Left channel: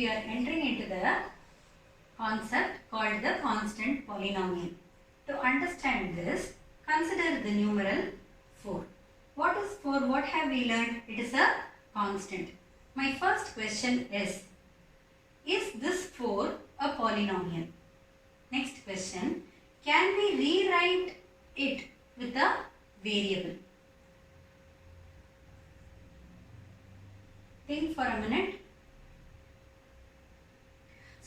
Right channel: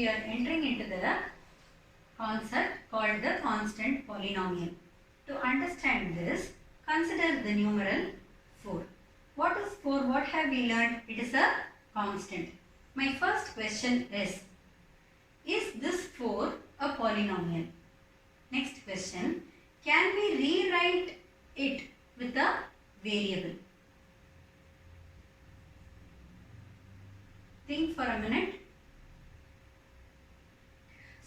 we are entering into the concept called the constant polynomial. To understand this, consider the numeral 4. What is 4? What have we learned? It is a constant. My first question is this 4 a polynomial? Next question, can we rewrite it with a variable? Think for a minute.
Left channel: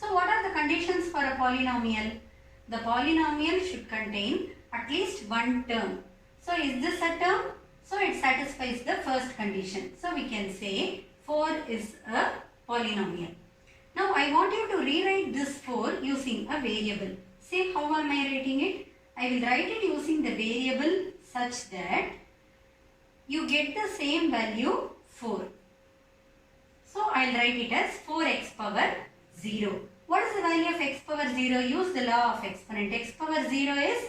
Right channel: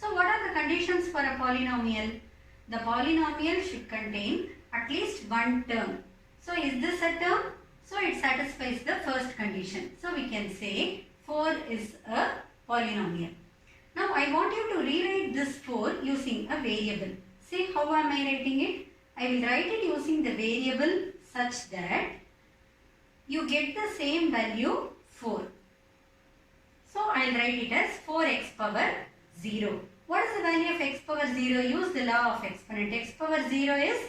So what are the conditions for a polynomial? The polynomial should contain at least one term. So is this a term? So it satisfies the first condition. So we can say 4 is a polynomial. Now I want you to rewrite this 4 using a variable. See how am I writing it? I will write it using the variable such that you get the same value 4. So I will write it as 4x power 0. What is the value of x power 0? Use the law of exponent. X power 0 is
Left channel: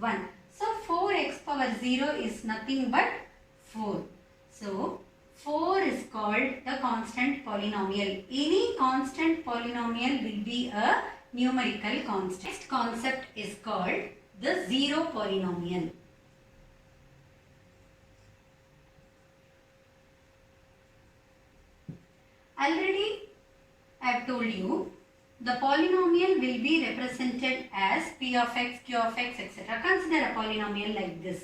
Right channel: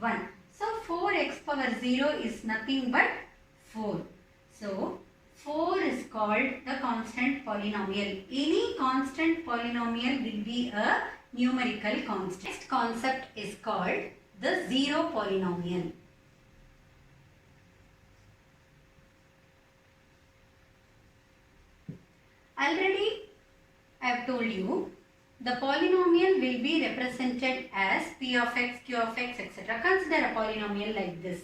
1. So 4x power 0 is nothing but 4. So 4 is called the constant polynomial. Any constant polynomial will be a numerical constant. Next concept is called the zero polynomial. Already I have told you the polynomial will be represented as p of x, q of x, etc. Consider a polynomial like this.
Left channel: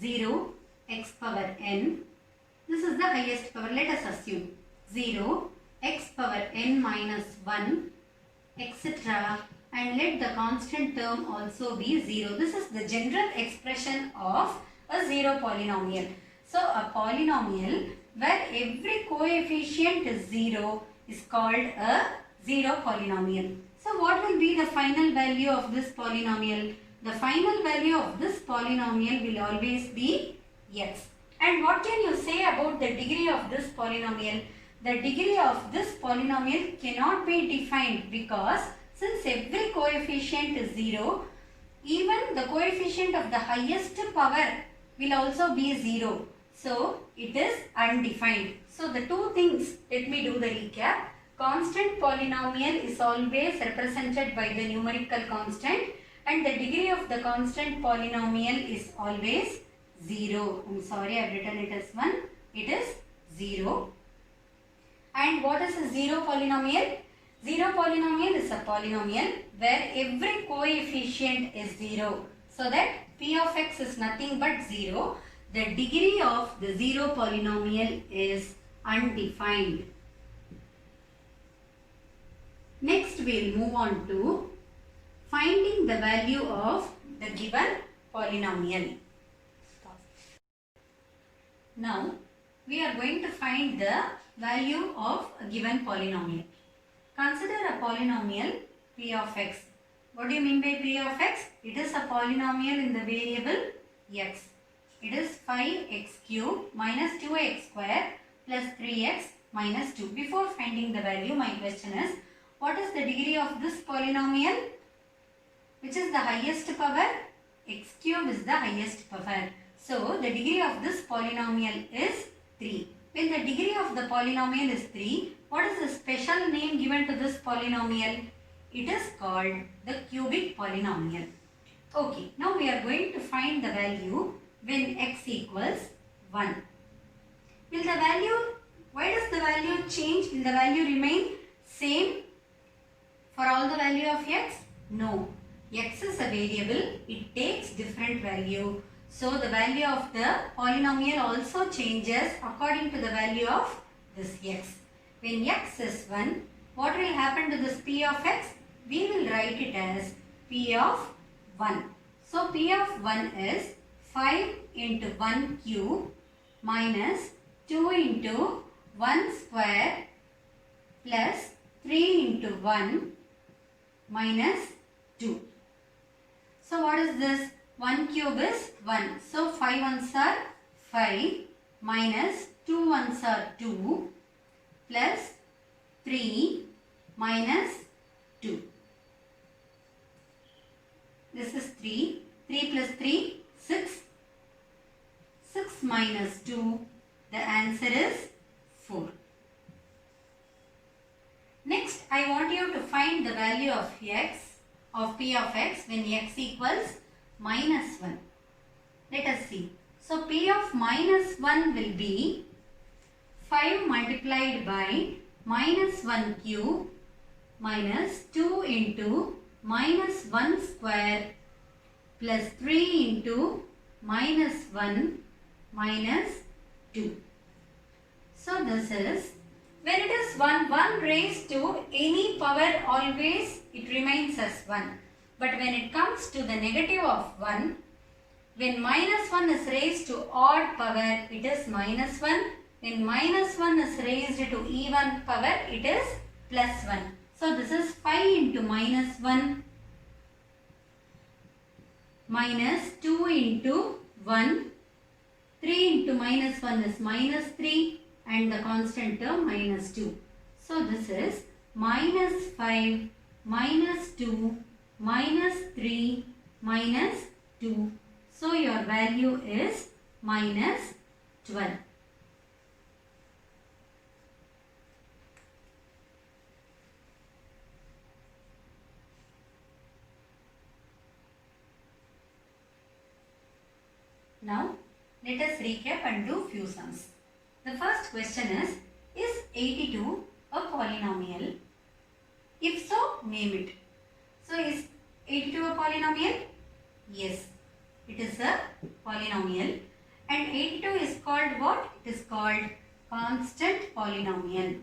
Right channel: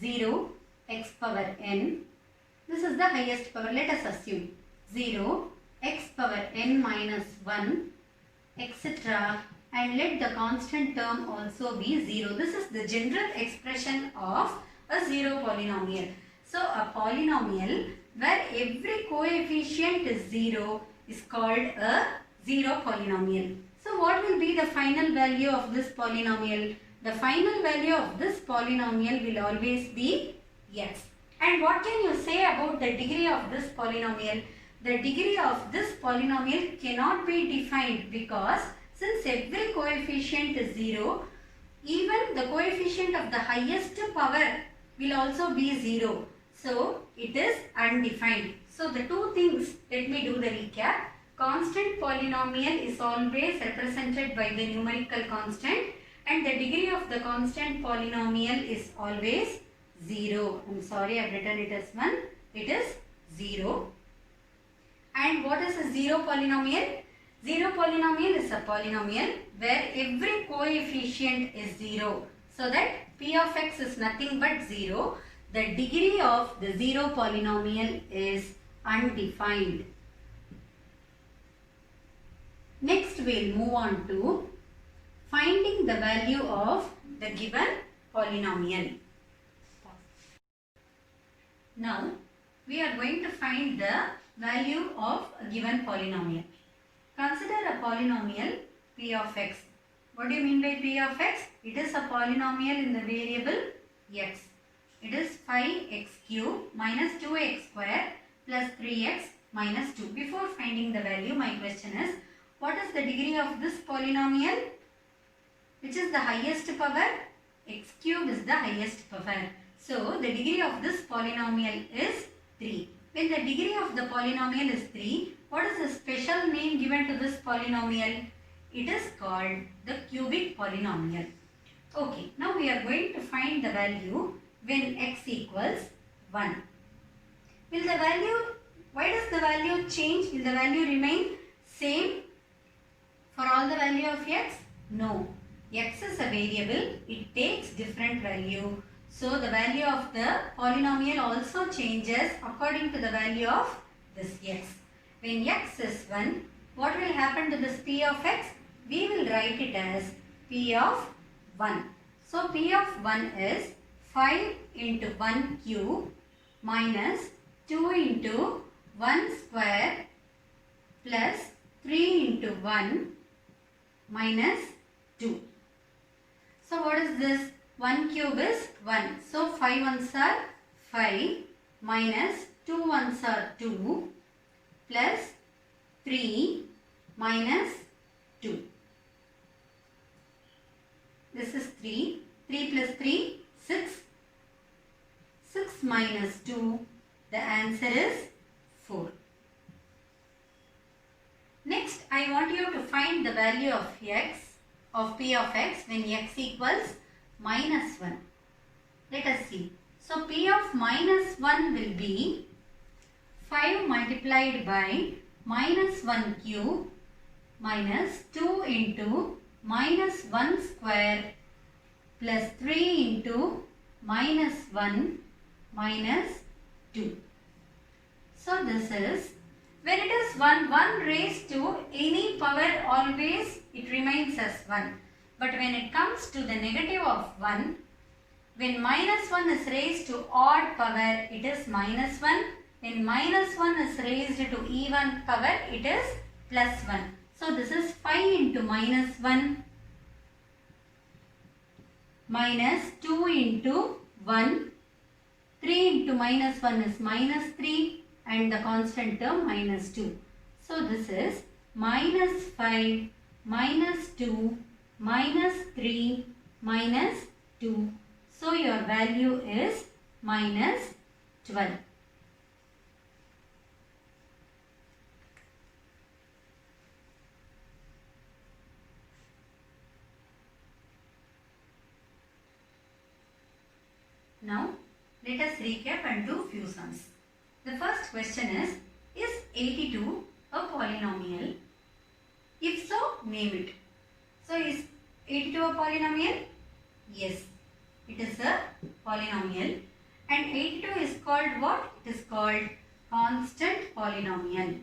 0, x power n. This is the highest power. Let us assume 0, x power n minus 1, etc. And let the constant term also be 0. This is the general expression of a zero polynomial. So a polynomial where every coefficient is 0 is called a zero polynomial. So what will be the final value of this polynomial? The final value of this polynomial will always be x. And what can you say about the degree of this polynomial? The degree of this polynomial cannot be defined because since every coefficient is 0, even the coefficient of the highest power will also be 0. So it is undefined. So the two things, let me do the recap. Constant polynomial is always represented by the numerical constant and the degree of the constant polynomial is always 0. I am sorry, I have written it as 1. It is 0. And what is a zero polynomial? Zero polynomial is a polynomial where every coefficient is 0. So that p of x is nothing but 0. The degree of the zero polynomial is undefined. Next we will move on to finding the value of the given polynomial. Now we are going to find the value of a given polynomial. Consider a polynomial p of x. What do you mean by p of x? It is a polynomial in the variable x. It is 5x cube minus 2x square plus 3x minus 2. Before finding the value, my question is, what is the degree of this polynomial? Which is the highest power? X cube is the highest power. So, the degree of this polynomial is 3. When the degree of the polynomial is 3, what is the special name given to this polynomial? It is called the cubic polynomial. Okay, now we are going to find the value when x equals 1. Will the value, why does the value change? Will the value remain same for all the value of x? No. X is a variable, it takes different value. So the value of the polynomial also changes according to the value of this x. When x is 1, what will happen to this p of x? We will write it as p of 1. So p of 1 is 5 into 1 cube minus 2 into 1 square plus 3 into 1 minus 2. So what is this? 1 cube is 1. So 5 ones are 5 minus 2 ones are 2 plus 3 minus 2. This is 3. 3 plus 3, 6. 6 minus 2, the answer is 4. Next I want you to find the value of x, of p of x when x equals minus 1. Let us see. So p of minus 1 will be 5 multiplied by minus 1 cube minus 2 into minus 1 square plus 3 into minus 1 minus 2. So this is, when it is 1 raised to any power, always it remains as 1. But when it comes to the negative of 1, when minus 1 is raised to odd power, it is minus 1. When minus 1 is raised to even power, it is plus 1. So this is 5 into minus 1 minus 2 into 1. 3 into minus 1 is minus 3 and the constant term minus 2. So this is minus 5 minus 2 minus 3 minus 2. So your value is minus 12. Now let us recap and do few sums. The first question is 82 a polynomial? If so, name it. So is 82 a polynomial? Yes, it is a polynomial. And 82 is called what? It is called constant polynomial.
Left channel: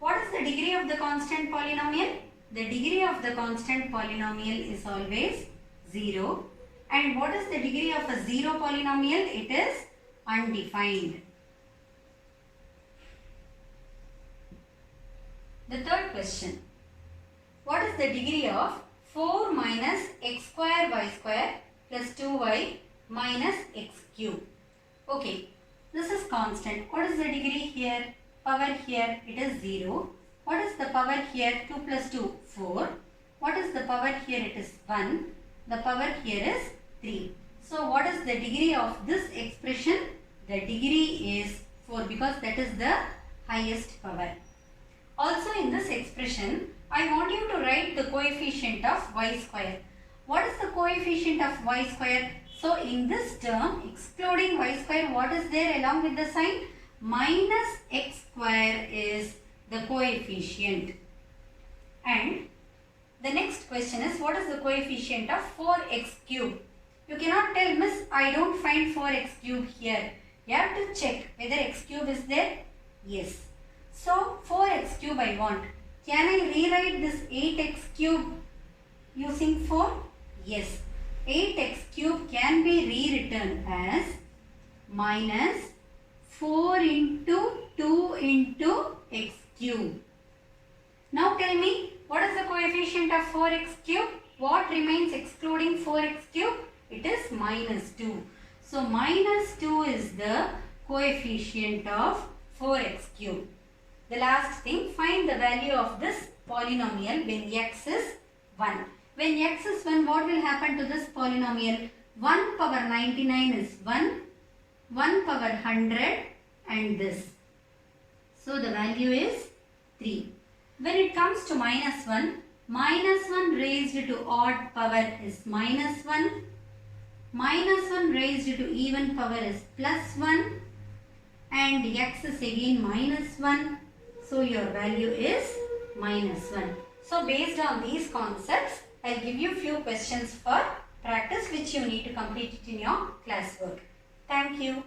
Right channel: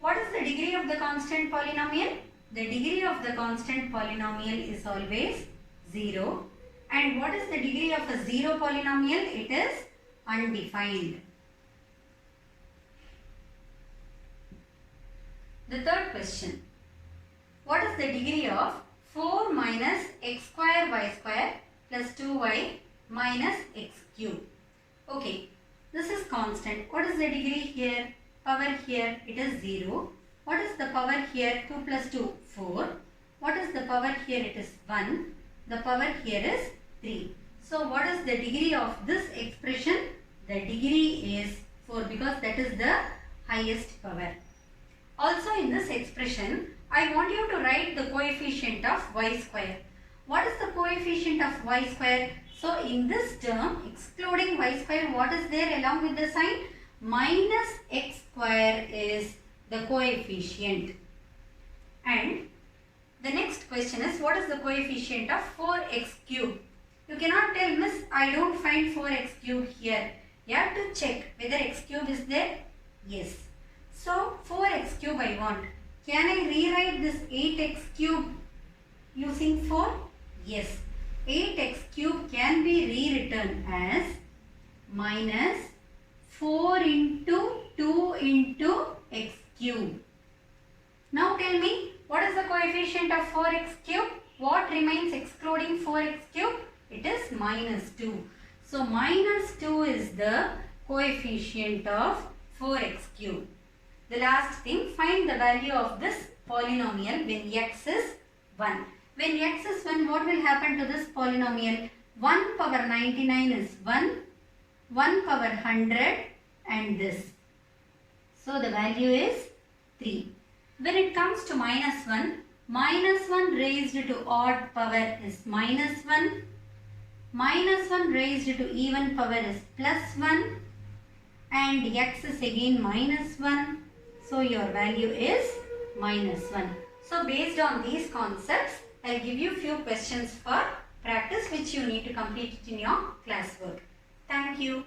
What is the degree of the constant polynomial? The degree of the constant polynomial is always 0. And what is the degree of a 0 polynomial? It is undefined. The third question. What is the degree of 4 minus x square y square plus 2y minus x cube? Okay, this is constant. What is the degree here? Power here, it is 0. What is the power here? 2 plus 2, 4. What is the power here? It is 1. The power here is 3. So what is the degree of this expression? The degree is 4 because that is the highest power. Also in this expression, I want you to write the coefficient of y square. What is the coefficient of y square? So in this term, excluding y square, what is there along with the sign? Minus x square is the coefficient. And the next question is, what is the coefficient of 4x cube? You cannot tell, miss, I don't find 4x cube here. You have to check whether x cube is there. Yes. So 4x cube I want. Can I rewrite this 8x cube using 4? Yes. 8x cube can be rewritten as minus 4 into 2 into x cube. Now tell me, what is the coefficient of 4x cube? What remains excluding 4x cube? It is minus 2. So minus 2 is the coefficient of 4x cube. The last thing, find the value of this polynomial when x is 1. When x is 1, what will happen to this polynomial? 1 power 99 is 1, 1 power 100 and this. So the value is 3. When it comes to minus 1 raised to odd power is minus 1. Minus 1 raised to even power is plus 1. And x is again minus 1. So your value is minus 1. So based on these concepts, I will give you few questions for practice which you need to complete it in your classwork. Thank you.